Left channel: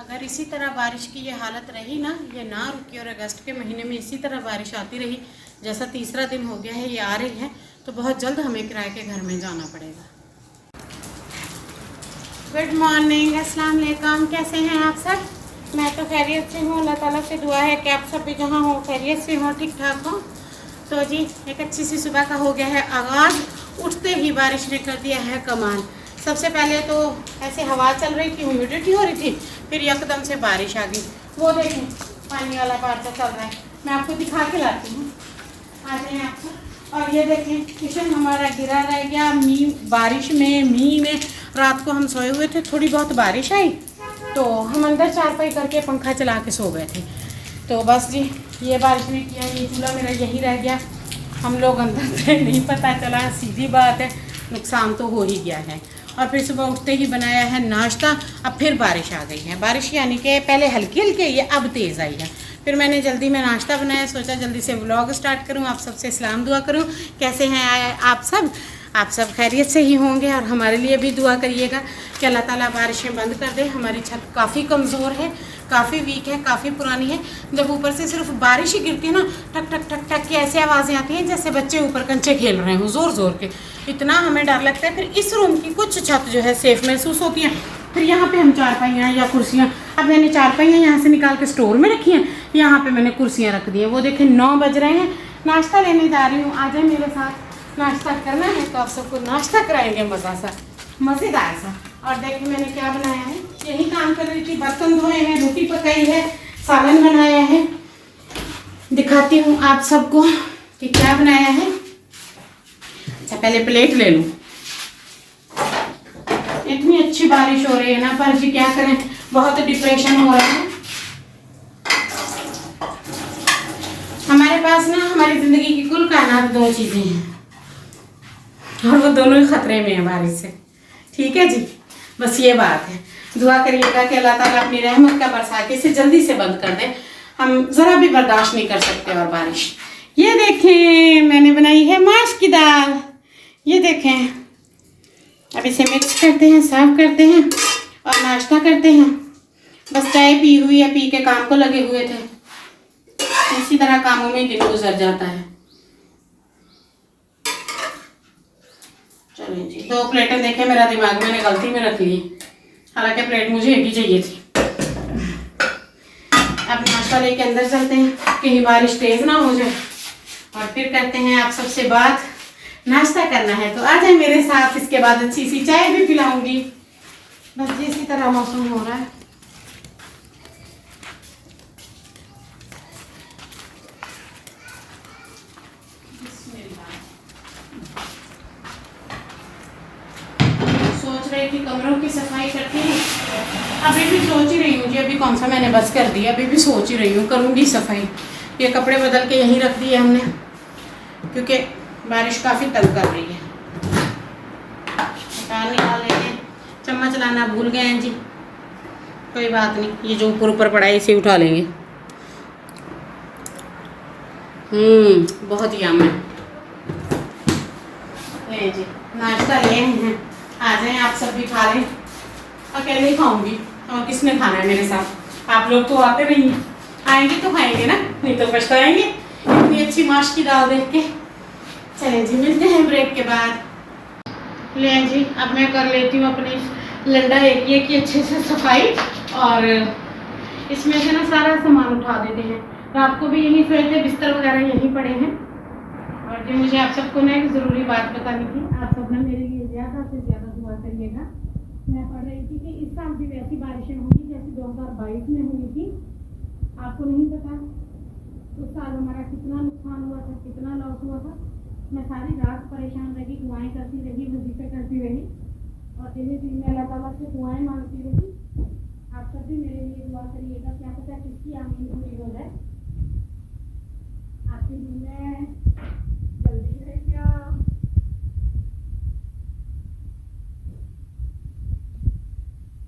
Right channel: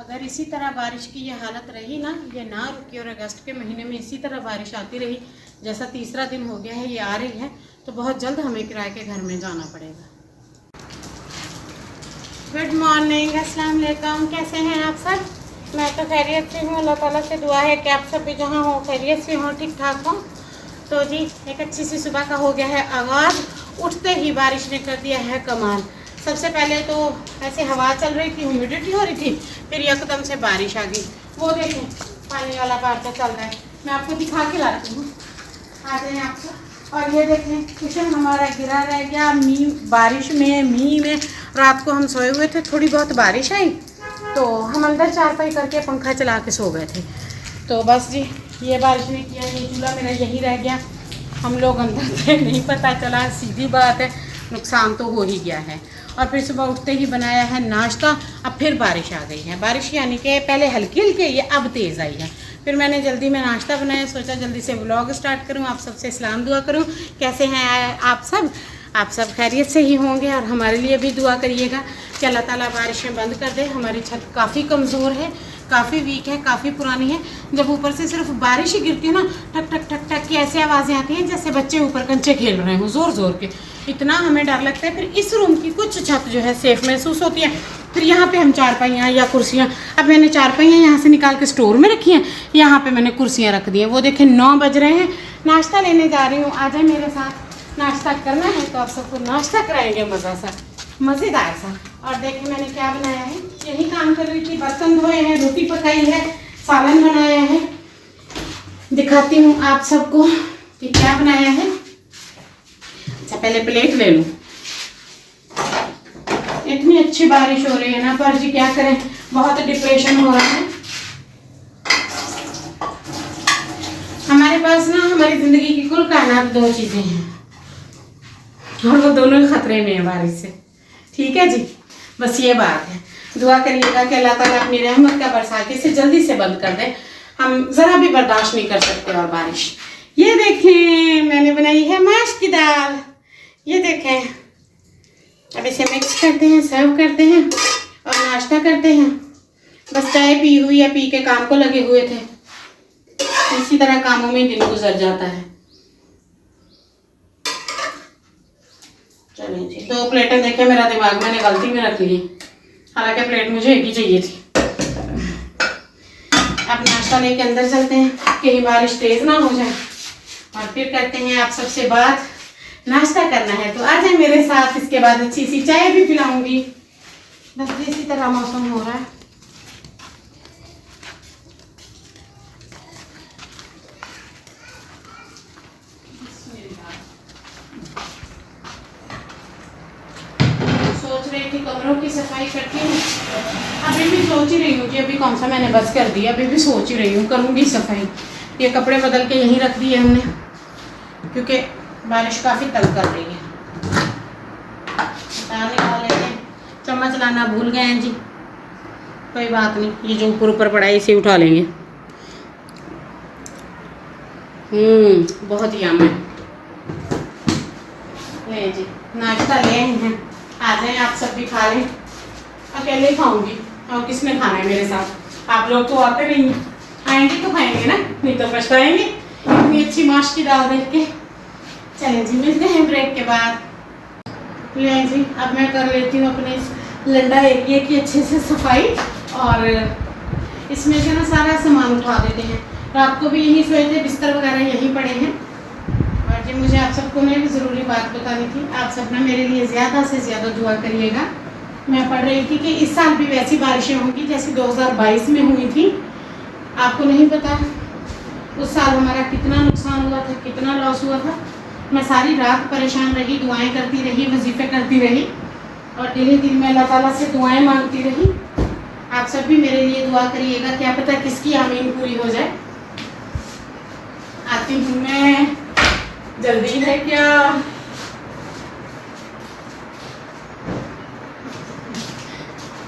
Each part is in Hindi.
अगर इसी तरह बारिश की ये हालत रही ना, ये ना रुकी और अगस्त के महीने में इसी तरह बारिश आती रही, जैसा तीसरा दिन हो गया है ये आ रही है, तो बहुत जल्द हमें किराए के घर में जाना पड़ेगा। गुड मॉर्निंग, अस्सलाम वालेकुम। कैसे हैं आप सब? मैं तो खैरियत से हूँ। अल्लाह ताला से दुआ है कि आप सब भी जहाँ हो खैरियत से हों, ठीक ठाक हों। तो जी एक अच्छी सी सुबह का हो गया है आगाज़। उठते ही बारिश ने कर दिया है कमाल। सबसे पहले तो ऐसे हवा चल रही थी, ह्यूमिडिटी हो रही थी, फिर एकदम से बारिश आ गई। वो देखें पानी वाला पार्टा चल रहा है, मैं आपको दिखा के लाती हूँ, आ जाए आपसे। और ये देखें किचन हमारा गिरा रह गया बारिश में, मींह में। रात को हम सोए हुए थे, थोड़ी बहुत बारिश आई तो हम अंदर चारपाई करके पंखा चला के सो गए थे। तो बस जी ये बारिश ने किया, ये चूल्हा मेरा यही रह गया, हम लोग अंदर थे, नहीं पता चला। सीधी बात है, नुकसान तो हो ही गया है। और फिर सुबह उठते ही बनाया है नाश्ता। अब फिर बारिश आ गई है, बारिश यानी कि पहले हल्की हल्की ये अब तेज़ आई है। फिर मैंने जल्दी में नाश्ता बनाया, सोचा जल्दी से व्लॉग स्टार्ट करूं, आप सबसे सलाम दुआ करूं। कैसे हैं आप सब? आप सब खैरियत से ही होंगे और हमारे लिए भी दुआ करिएगा कि अल्लाह ताला बारिशें बंद कर दे। हमारी छत काफ़ी कमज़ोर है, काफ़ी वीक है, काफ़ी पुरानी है। जब ऊपर से सिर्फ बारिश ही गिरती है ना, टक टक टक टक की ऐसी आवाज़ें आती हैं जैसे बच्चे ऊपर कंचे खेल रहे हों ज़ोर ज़ोर के। इतना हमें डर लगता है। फिर इस रूम की कुछ छत जो है सेफ़ महसूस होती है। फिर यहाँ पे हम चारपाइयाँ या कुर्सियाँ, अब मैंने चारपाइयाँ यहाँ से निकाल के स्टोर में रखी हैं, यहाँ पे मैंने कुर्सियाँ रख दी हैं। वो देखें 9 बज रहे हैं, नाश्ता लेने जा रही हूँ। आ जाए मेरे साथ, नाश्ता करना है तो आप सबको नाश्ता कराएंगे मज़ा सा, मज़ेदार सा। और देखें मैंने क्या बनाया है, यही काम कर रही थी, बर्तन धोए हैं, रोटी पकाई है, सालन बनाया है। दिखाती हूँ आप सबको कि क्या बनाया है। अच्छा पहले प्लेट ले लूँ। इतनी अच्छी बारिश हो रही है ना, पर जी क्या करें, बहुत डिप्रेशन हो रहा है हमारे पास ना। हमारी ज़िंदगी की कुल कायनात 2 चीज़ें हैं और वो दोनों ही खतरे में है बारिश से। ठीक है जी, बस ये बात है। दुआ करिएगा कि अल्लाह ताला अपनी रहमत का बरसा के इसे जल्दी से बंद कर दे। हम ज़रा भी बर्दाश्त नहीं कर सकते और बारिश। ये देखें मैंने बनाई है माश की दाल, ये देखें। अब इसे मिक्स करते हैं, सर्व करते हैं और नाश्ता करते हैं। बस चाय पी हुई है, पी के काम को लगे हुए थे। इसी तरह कामों में दिन गुजर जाता है। चलिए जी, 2 प्लेटें देखें मेरा दिमाग मैंने गलती में रख ली, हालांकि प्लेट मुझे एक ही चाहिए थी। अब नाश्ता लेके अंदर चलते हैं, कहीं बारिश तेज ना हो जाए, और फिर करते हैं आप सबसे बात। नाश्ता करना है तो आ जाए मेरे साथ, इसके बाद अच्छी सी चाय भी पिलाऊंगी। बस इसी तरह मौसम हो रहा है। सोच रही थी कमरों की सफाई करती हूँ, अभी भी सोच ही रही हूँ कि अभी कौन सा मैंने बस कर दिया, अभी भी सोच ही रही हूँ करूँगी सफाई। ये कपड़े बदल के यहीं रख दिए हमने क्योंकि बारिश काफ़ी तंग कर रही है। निकाल लेते हैं, चम्मच लाना भूल गए हैं जी, कोई बात नहीं, ये जो ऊपर ऊपर पड़ा है इसे उठा लेंगे। बहुत ही आम है। ले जी नाश्ता ले हैं, आ जाएं आप सब भी खा लें। अकेले ही खाऊंगी और किसने खाना है मेरे साथ? आप लोग तो आते नहीं हैं, आएंगे तो खाएंगे ना, नहीं तो पछताएंगे इतनी अच्छी माश की दाल देख के। चलें जी मिलते हैं ब्रेक के बाद। ले जी अब मैं कर लेती हूँ अपने इस लंडा एरिया की अच्छे से सफाई, और इसमें से ना सारा सामान उठा देते हैं। रात को भी यहीं सोए थे, बिस्तर वगैरह यहीं पड़े हैं। और जी मुझे आप सबको ना एक ज़रूरी बात बतानी थी, आप सब ना मेरे लिए ज़्यादा से ज़्यादा दुआ करिएगा। मैं पढ़ रही थी कि इस साल भी वैसी बारिशें होंगी जैसी 2022 में हुई थी। आपको नहीं पता उस साल हमारा कितना नुकसान हुआ था, कितना लॉस हुआ था। मैं सारी रात परेशान रही, दुआएं करती रही, वजीफ़े करती रही और दिल में अल्लाह ताला से दुआएं मांगती रही। आप सब भी मेरे लिए दुआ करिएगा, क्या पता किसकी आमीन पूरी हो जाए। आती हूँ मैं, जल्दी है क्या?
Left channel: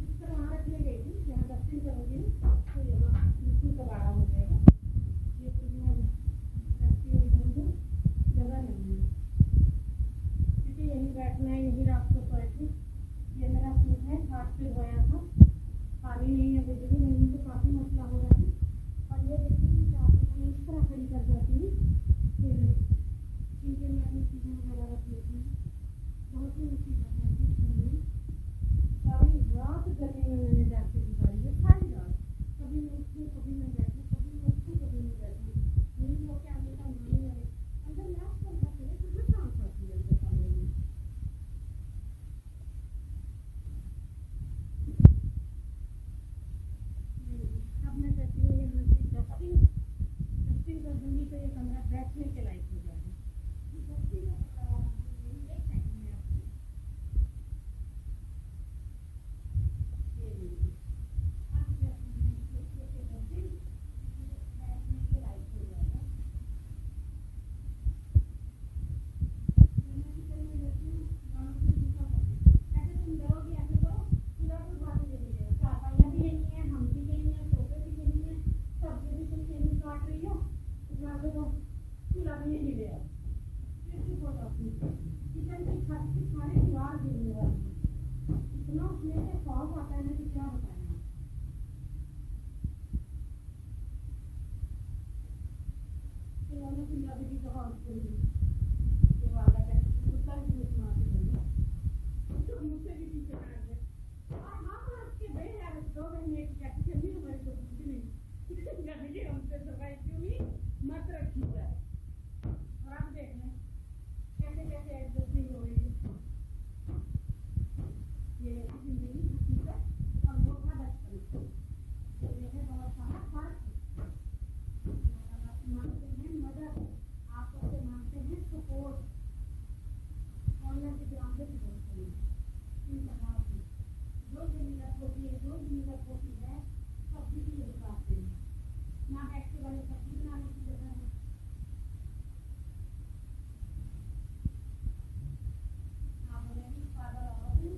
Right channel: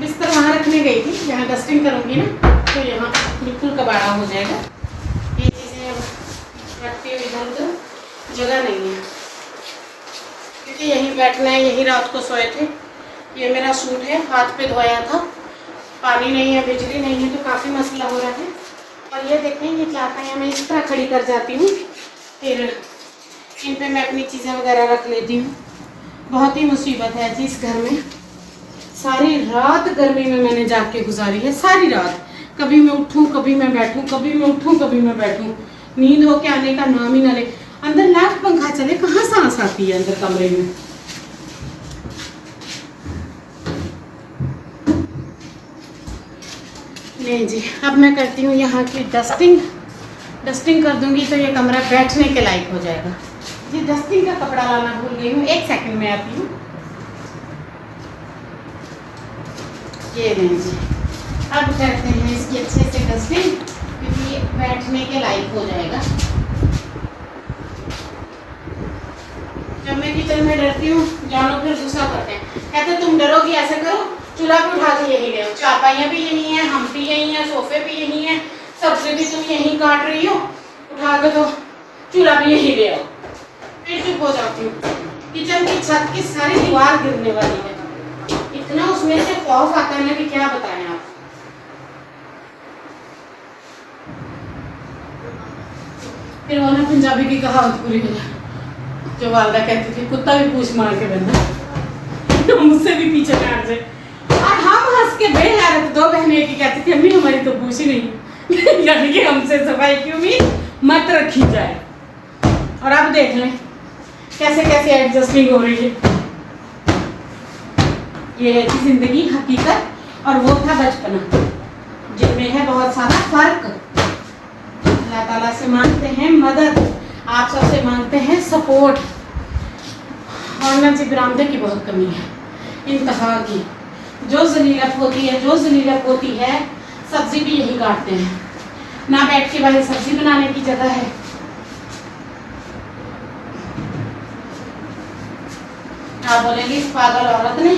बिस्तर वहाँ रखने गई थी, यहाँ डस्टिंग करूँगी ना तो यहाँ बिल्कुल कबाड़ा हो जाएगा। ये चीज़ें रखती हुई इधर उधर जगह नहीं है, क्योंकि यहीं बैठना है, यहीं रात को सोए थे। ये मेरा सूट है, हाथ पे धोया था, पानी नहीं है, बिजली नहीं है, तो काफ़ी मसला हो रहा है। और ये देखें, ये चारपाइयाँ मैं इस तरह खड़ी कर जाती हूँ, फिर इन पे मैं अपनी चीज़ें वगैरह रख लेती हूँ। बहुत ही मुसीबत है जी इस घर में। सारी रात गर्मी में मैंने जाग के गुजारी है, सारी रात। कभी मैं उठूँ, कभी मैं बैठूँ, कभी मैं उठूँ, कभी मैं बैठूँ, नींद हो के आने का नाम ही ना ले। अंदर लाख पंखा चले, कहाँ सांस आती है अंदर कमरे में। नहीं जी, अब मैं करती हूँ यहाँ की डस्टिंग कर दूंगी तो ये कमरा बैठने के लायक हो जाएगा जी। डस्टिंग का कपड़ा लाना भूल गई हूँ, 1 सेकंड में आती हूँ। ये नहीं जी, अब करते हैं इसकी अच्छे से डस्टिंग, क्योंकि ये बैठने के लायक हो जाएगा। जब मैं किचन में डरती हूँ, जानो फिर गुस्सा करते हैं, कहते तुम डरोगी, ऐसे करो, चूल्हा पे उठा के यही ले आओ, चारपाइयाँ भी यही हैं, हम भी यही हैं, सोफे भी यही हैं, सब्जी भी तुम यहीं काट रही हो, उठा के तो चूल्हा भी यही ले आओ। फिर चुप हो जाती हूँ। किचन की छत की सारी दीवार गिरने वाली है, इतना उसमें से खौफ आता है ना कि क्या बताएं आप। फिर वो ना पंजाबी की कहावत पूरी हो जाए, जो वालदा कहती थी, कुत्ता भी पूछ मार के बंदा, मुझसे भी पीछे काट जाए। और हम हंस के बेहद 2 बहनें की कहती थी, अम्मी हमारी तो पूछ ही नहीं यानी कि हमसे सफाई की उम्मीद मत रखी जाए। और अब देख लें कैसे कैसे एडजस्टिंग हो रही है। ये है कि जिंदगी, हकीकत, और वो था बचपना, जिनमें है बहुत सारा फर्क। अल्लाह ताला से मांगते हैं मदद, आप सबसे मांगते हैं सपोर्ट। और ना जी बरामदे की बहुत कमी है, इंतहा की। जो ज़लीलत होती है, सब्जी भी यही काटते हैं, ना बैठ के बाहर सब्जी बनाने की जगह है। आप बोलेंगे इस पागल औरत ने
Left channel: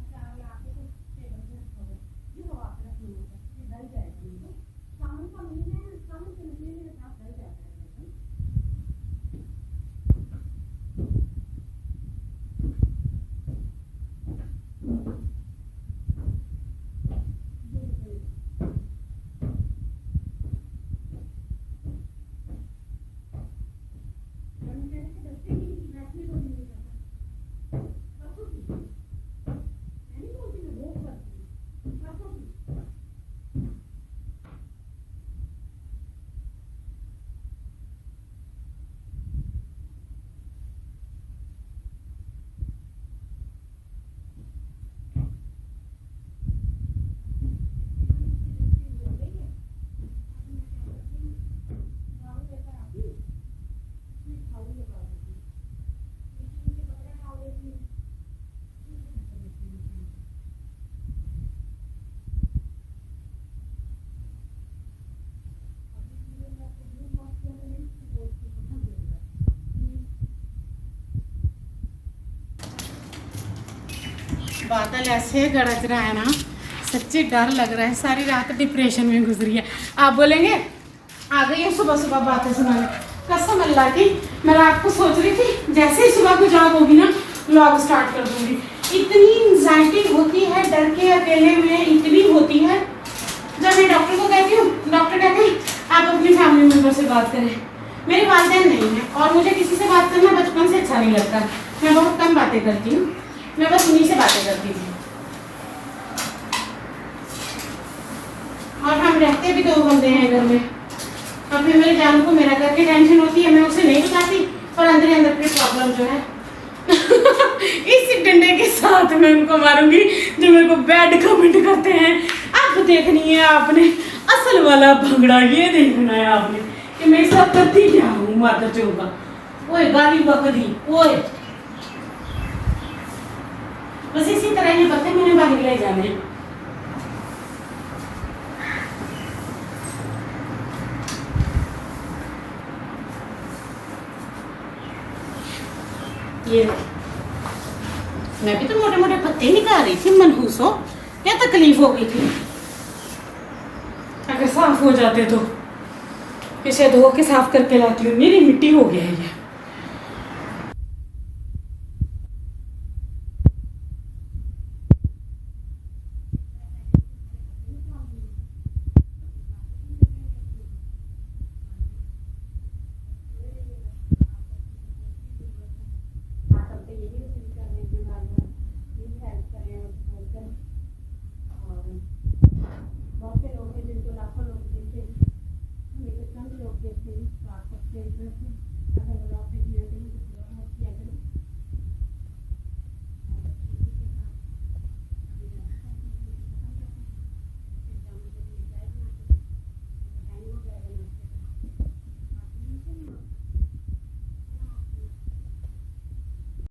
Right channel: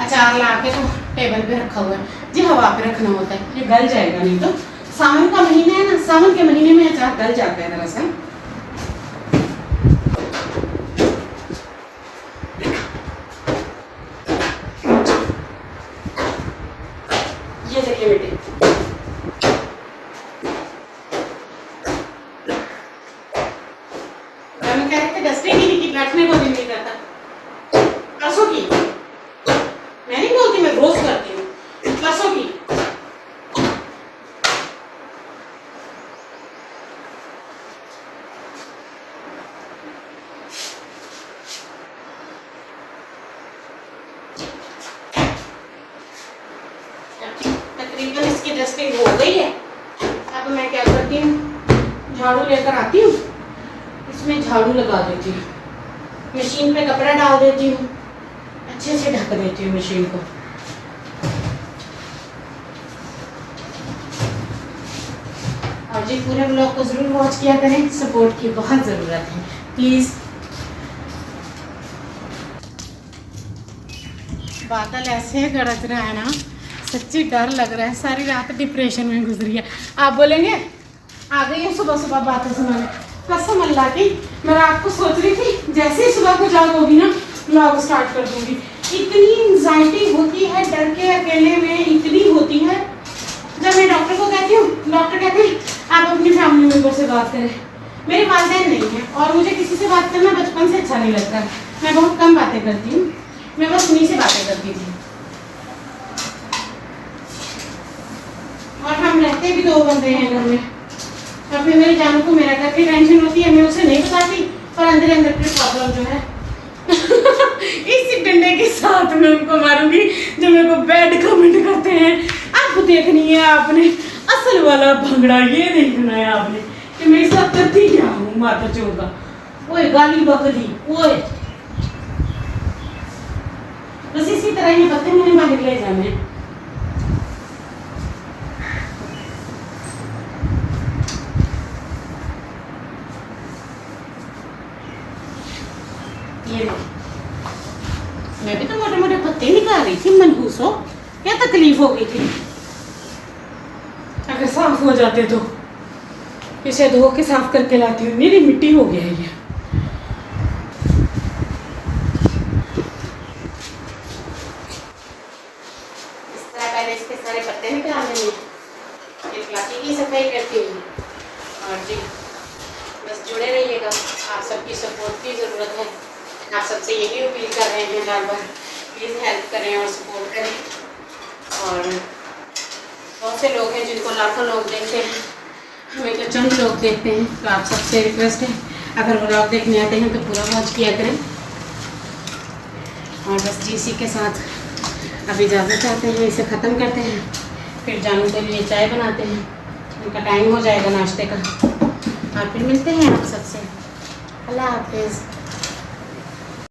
अचार ला के तो टेबल पे रखा हुआ है जी, हवा पे रखना होता है, ये गल जाएगा नहीं तो। सावन का महीना है ना, सावन के महीने में अचार गल जाता है दरअसल। ये देखिए बेटे, हम कह रहे थे डस्टिंग ही नहीं की, बैठने को भी नहीं करता। परसों की मैं नहीं बोलती, मैं रोज करती हूँ, परसों की। तकरीबन इसकी डस्टिंग हो गई है। अब मैं क्या करती हूँ, झाड़ू लेकर आती हूँ, इसमें झाड़ू लगा देती हूँ, मशीन पे कपड़ा डाल देती हूँ, अच्छे से ढक देती हूँ मशीन को। और जी पूरे ब्लॉग को ज़रूर वॉच किया करें, सपोर्ट की बहुत ज़रूरत है प्लीज़। बादल ऐसे गरज रहा है ना, सच्ची डर लग रहा है। सारी रात डिप्रेशन में गुजरी है। आप बोलेंगे आ गई है सुबह सुबह बातें सुनाने, कसम अल्लाह की मैं रात को सोच रही थी जैसे ही सुबह को जाग होगी ना व्लॉग स्टार्ट कर दूंगी। इतनी एंजाइटी होती है, डर के अकेले में इतनी होती है। जब मैं डॉक्टर को कहती हूँ, डॉक्टर कहते हैं आप अपनी फैमिली मेम्बर से बात करें। मेरे वालिदैन नहीं है और मुझे किसी से बात करना बचपन से अच्छा नहीं लगता। मैं बहुत कम बातें करती हूँ, मैं बस उन्हीं से बातें करती थी। और हम रहते भी 2 बंदे हैं घर में। और फिर मेरी जानू को मेरा घर की टेंशन होती है, मैं उसे नहीं बताती, पर अंदर अंदर की प्रॉब्लम जो है इसी डंडे के साथ मैं उनको मारूंगी जो मेरे को बैड कमेंट करते हैं। अब देखनी है आपने असल वाला भंगड़ा, ये देखना है आपने कि मेरे साथ करती क्या हूँ माता चोगा। ओए गाली बकरी, ओए बस इसी तरह ये पत्ते मैंने बाहर ले जाने। ये मैं भी तो मोटे मोटे पत्ते निकाल रही थी, मनहूस हो क्या तकलीफ हो गई थी। अगर साफ हो जाते तो इसे धो के साफ करके लाती हूँ। मेरी मिट्टी हो गया है ये। इस तरह पहले इसके सारे नहीं करती हूँ। और जी बस जुड़े रहिएगा, आप सबकी सपोर्ट की ज़रूरत है। आप सबसे यही अपील कर रहे हैं बार बार, प्लीज़ हेल्प करें और सपोर्ट करें। और बहुत से लोग हैं जिनको लाखों लोग देखते हैं, हमें तो चंद लोग देखते हैं। तो आप सबसे रिक्वेस्ट है, अगर व्लॉग देखने आते हैं तो पूरा वॉच किया करें। और बस जी इसी के साथ अभी इजाज़त चाहते हैं, इसे ख़त्म करते हैं, फिर जानू के लिए चाय बनाते हैं, उनका टाइम हो जाएगा नाश्ते का। और फिर मिलते हैं आप सबसे। अल्लाह हाफिज़।